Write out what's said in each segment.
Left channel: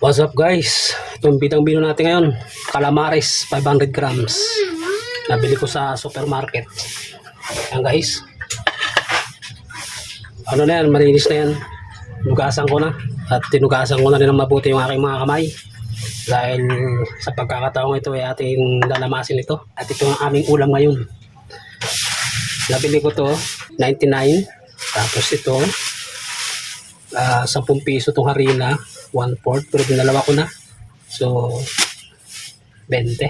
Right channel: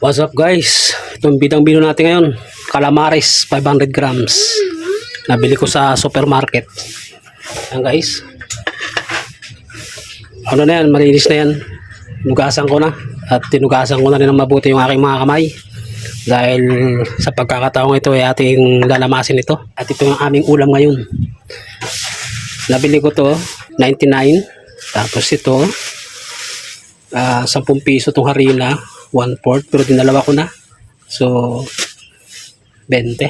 What's up guys? Itong bidang-bino natin ngayon, calamares 500 grams. Nabili ko sa supermarket. Ayan guys. Ano na yan, malinis na yan. Nugasan ko na. At tinugasan ko na rin ng mabuti yung aking mga kamay. Dahil sa pagkakataong ito ay ating lalamasin ito. At ito yung aming ulam ngayon. Nabili ko to 99. Tapos ito 10 piso itong harina, 1/4, pero dinalawa ko na. So 20.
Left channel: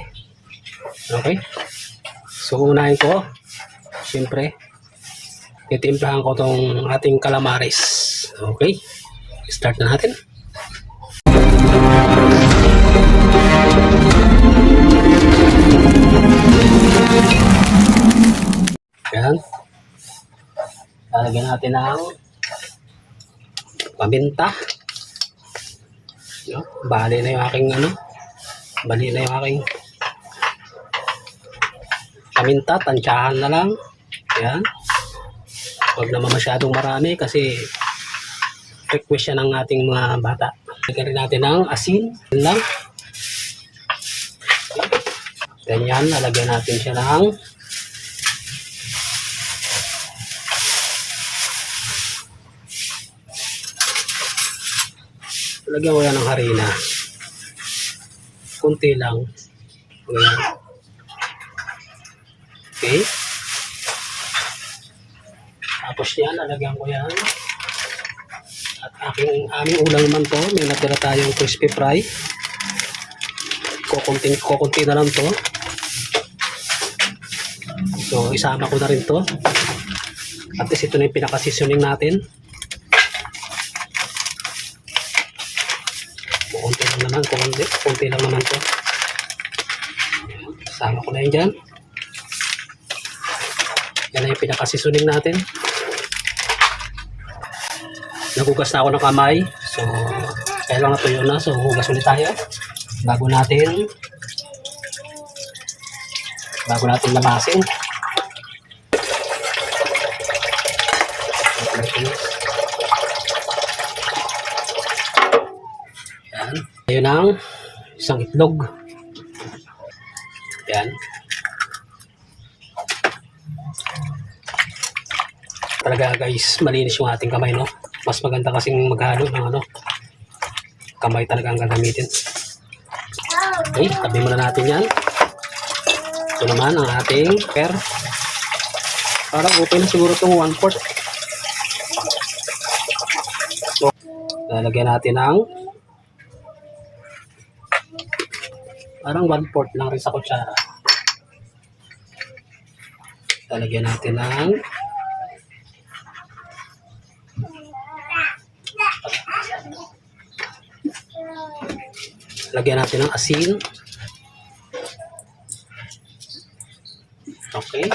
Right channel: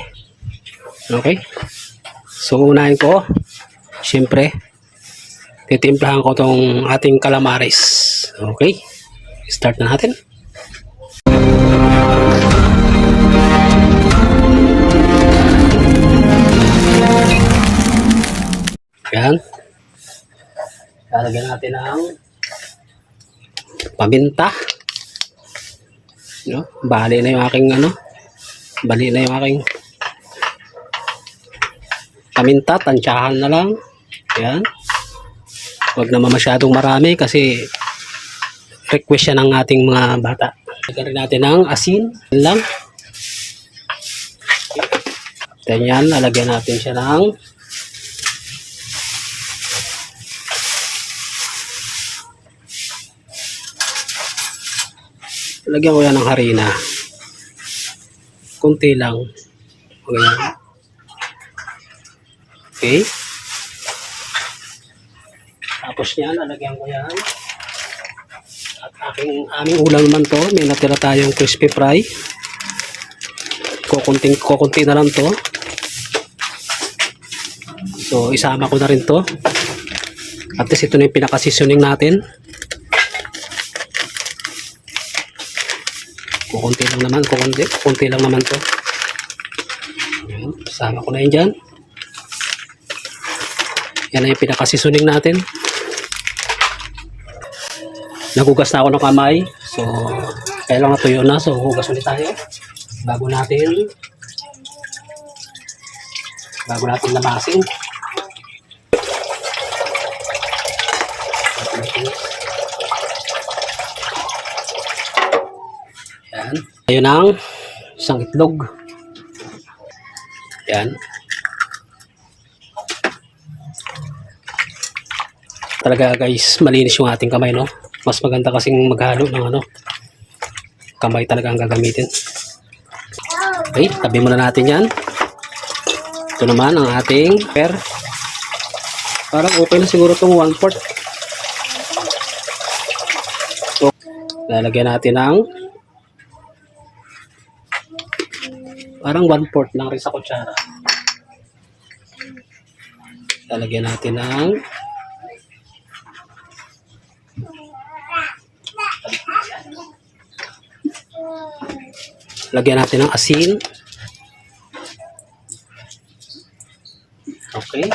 Okay. So unahin ko, siyempre titimplahan ko tong ating calamares. Okay. Start na natin. Yan. Lalagyan natin ng paminta. No? Bali na yung aking paminta, tansyahan na lang. Yan. Huwag naman masyadong marami kasi request siya ng ating mga bata. Lagyan rin natin ng asin lang. Ganyan, lalagyan natin siya ng lagyan ko yan ng harina. Kunti lang. Ganyan. Okay. Tapos yan, lalagyan ko yan. At aming ulam naman to. May natira tayong crispy fry. Kukunti na lang to. So, isama ko na rin to. At least ito na yung pinaka-seasoning natin. Kukunti lang naman, kukunti lang naman to. Ayan, sama ko na yun dyan. Yan na yung pinaka-seasoning natin. Nagugas na ako ng kamay. So, kailangan natuyo na. So, hugas ulit tayo. Bago natin lamasin. Yan. Ayun ang isang itlog. Yan. Talaga guys, malinis yung ating kamay, no? Mas maganda kasing maghalo ng kamay talaga ang gagamitin. Okay, tabi muna natin yan. Ito naman ang ating pepper. Parang okay na siguro itong 1/4. So, lalagyan natin ng parang 1/4 lang rin sa kutsara. Lalagyan natin ng lagyan natin ng asin. Okay.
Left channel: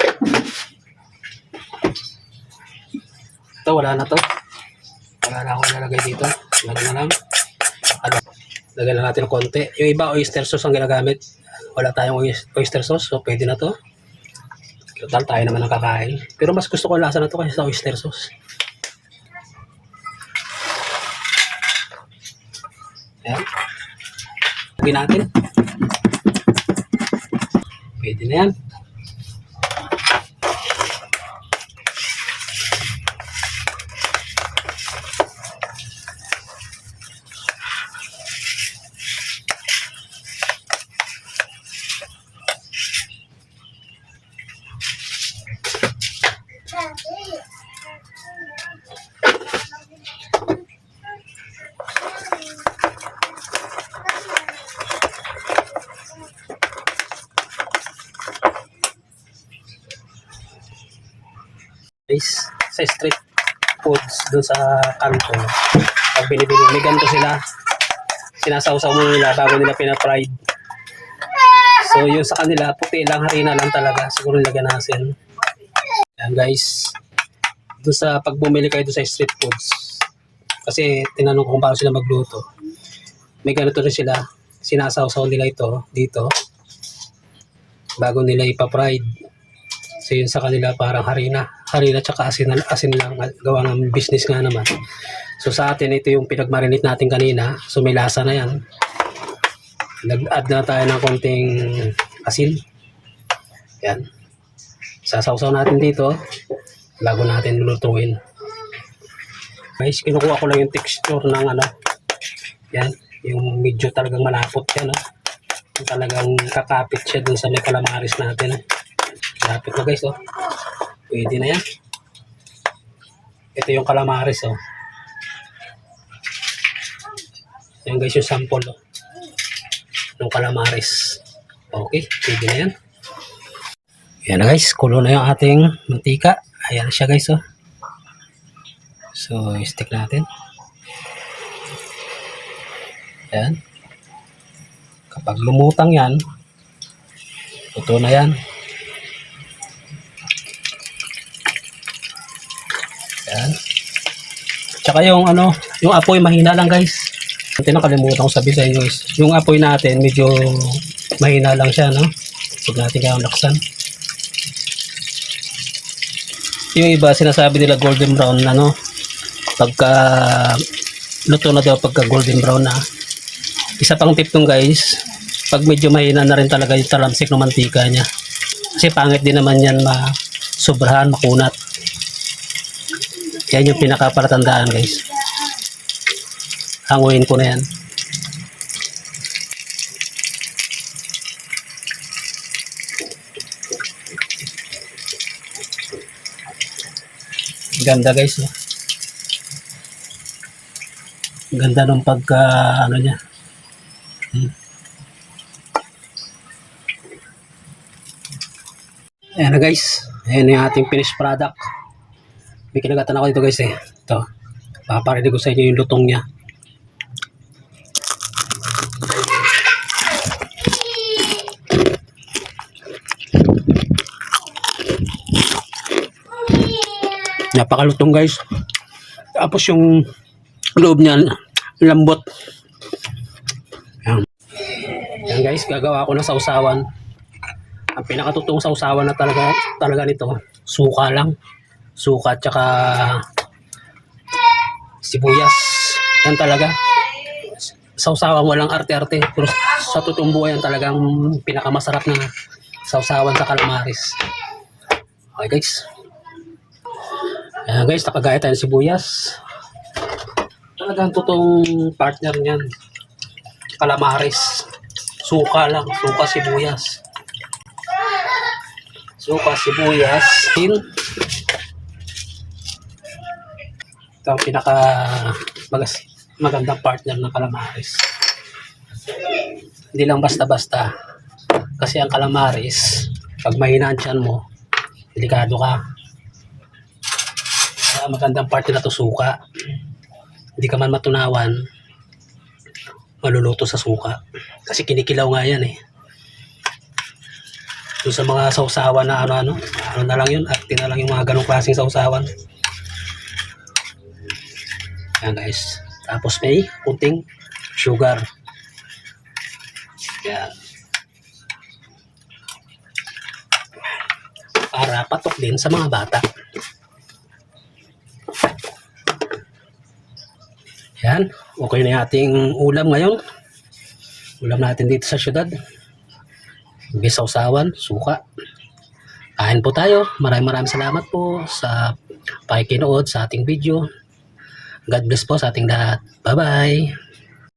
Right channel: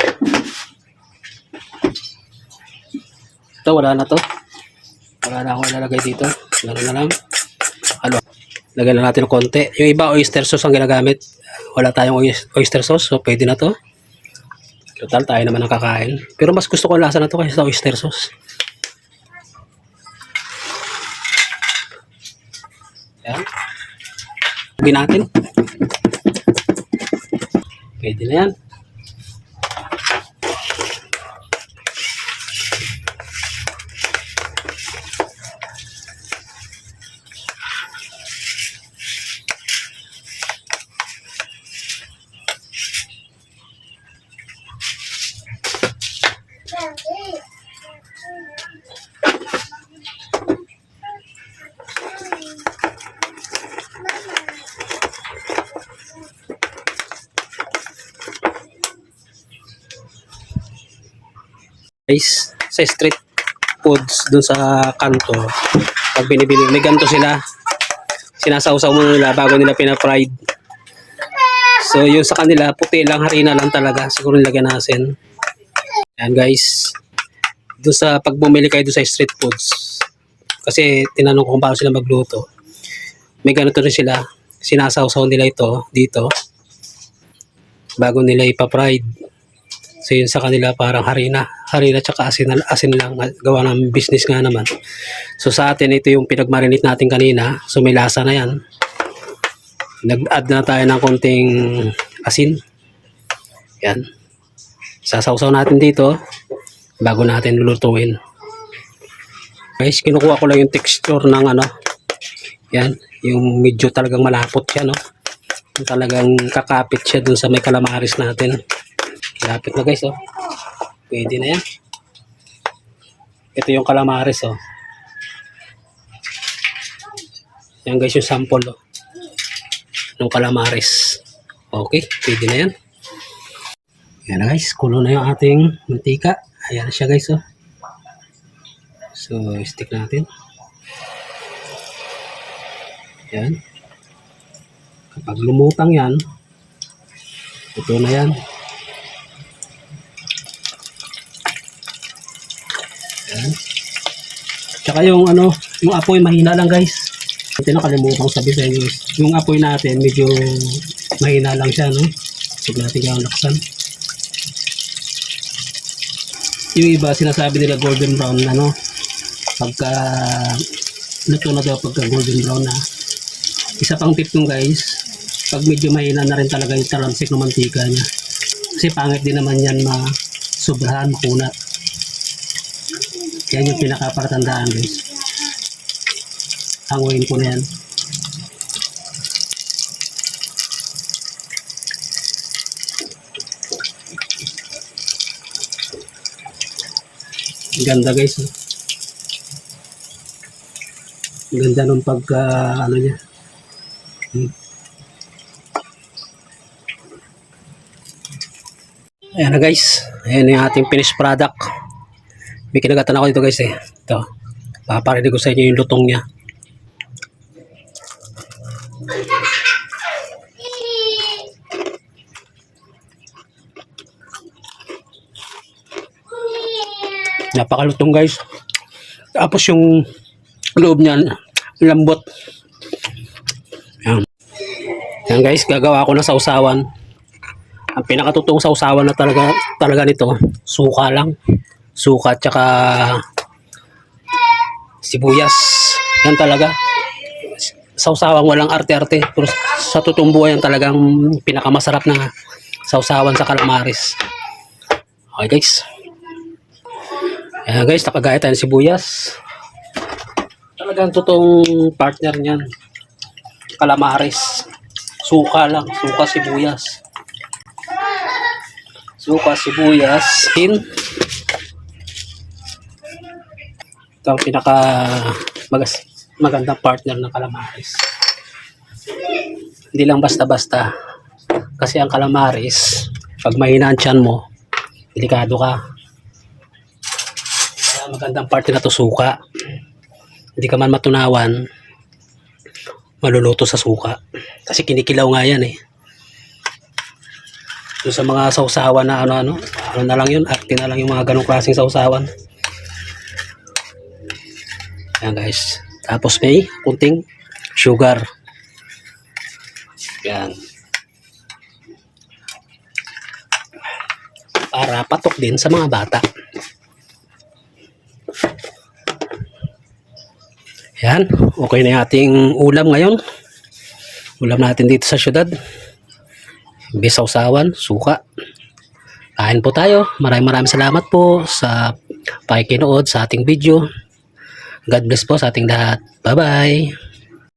Ito, wala na to. Wala na akong ilalagay dito. Wala na lang. Lagyan na natin ng konti. Yung iba, oyster sauce ang ginagamit. Wala tayong oyster sauce, so pwede na to. Total, tayo naman ang kakain. Pero mas gusto ko ang lasa na to kasi sa oyster sauce. Yan. Lagyan natin. Pwede na yan. Guys, sa street foods dun sa kanto, pag binibili, may ganito sila, sinasawsaw mo nila bago nila pina-fried. So yung sa kanila, puti lang, harina lang talaga, siguro nilagyan natin. Ayan guys, dun sa pag bumili kayo dun sa street foods, kasi tinanong ko kung paano sila magluto, may ganito rin sila, sinasawsaw nila ito dito bago nila ipa-fried. So yun sa kanila parang harina. Harina tsaka asin lang. Gawa ng business nga naman. So sa atin ito yung pinagmarinate natin kanina. So may lasa na yan. Nag-add na tayo ng konting asin. Yan. Sasawsaw natin dito bago natin lulutuin. Guys, kinukuha ko lang yung texture ng ano. Yan. Yung medyo talagang malapot siya, no? Yung talagang kakapit siya dun sa may calamares natin. Lapit na guys, oh. Pwede na yan. Ito yung calamares, oh. Yan guys yung sample, oh. Ng calamares. Okay, pwede na yan. Yan na guys, kulo na yung ating mantika. Ayan na siya guys, oh. So, stick natin. Yan. Kapag lumutang yan, ito na yan. Yan. Tsaka yung ano, yung apoy mahina lang guys. Ito nakalimutan ko sabi sa inyo guys. Yung apoy natin medyo mahina lang siya, no? Huwag natin kayang laksan. Yung iba sinasabi nila golden brown na, no? Pagka luto na daw pagka golden brown na. Isa pang tip tong guys, pag medyo mahina na rin talaga yung talamsik ng mantika niya. Kasi pangit din naman yan sobrahan, makunat. Yan yung pinakapalatandaan guys. Hanguin ko na yan. Ganda guys. Oh. Ganda ng pagka ano niya. Ayan na guys. Ayan yung ating finished product. May kinagatan ako dito guys eh. Ito. Paparinig ko sa inyo yung lutong niya. Napakalutong guys. Tapos yung loob niya lambot. Yan. Yan guys, gagawa ako ng sausawan. Ang pinakatutong sausawan na talaga nito, suka lang. Suka tsaka sibuyas. Yan talaga. Sausawan walang arte-arte. Pero sa totoong buhay yan talagang pinakamasarap na sausawan sa calamares. Okay guys. Ayan guys, nakagaya tayo ng sibuyas. Talagang totoong partner niyan. Calamares. Suka lang. Suka, sibuyas. Suka, sibuyas, tin. Ito ang pinaka magandang partner ng calamares. Hindi lang basta-basta. Kasi ang calamares, pag mahina ang tiyan mo, delikado ka. Kaya magandang partner na to suka. Hindi ka man matunawan, maluluto sa suka. Kasi kinikilaw nga yan eh. So, sa mga sausawan na ano na lang yun, arte na lang yung mga ganong klaseng sausawan. Yan guys. Tapos may kunting sugar. Yan. Para patok din sa mga bata. Yan. Okay na yung ating ulam ngayon. Ulam natin dito sa syudad. Bisawsawan, suka. Kain po tayo. Maraming salamat po sa pakikinood sa ating video. God bless po sa ating lahat. Bye-bye.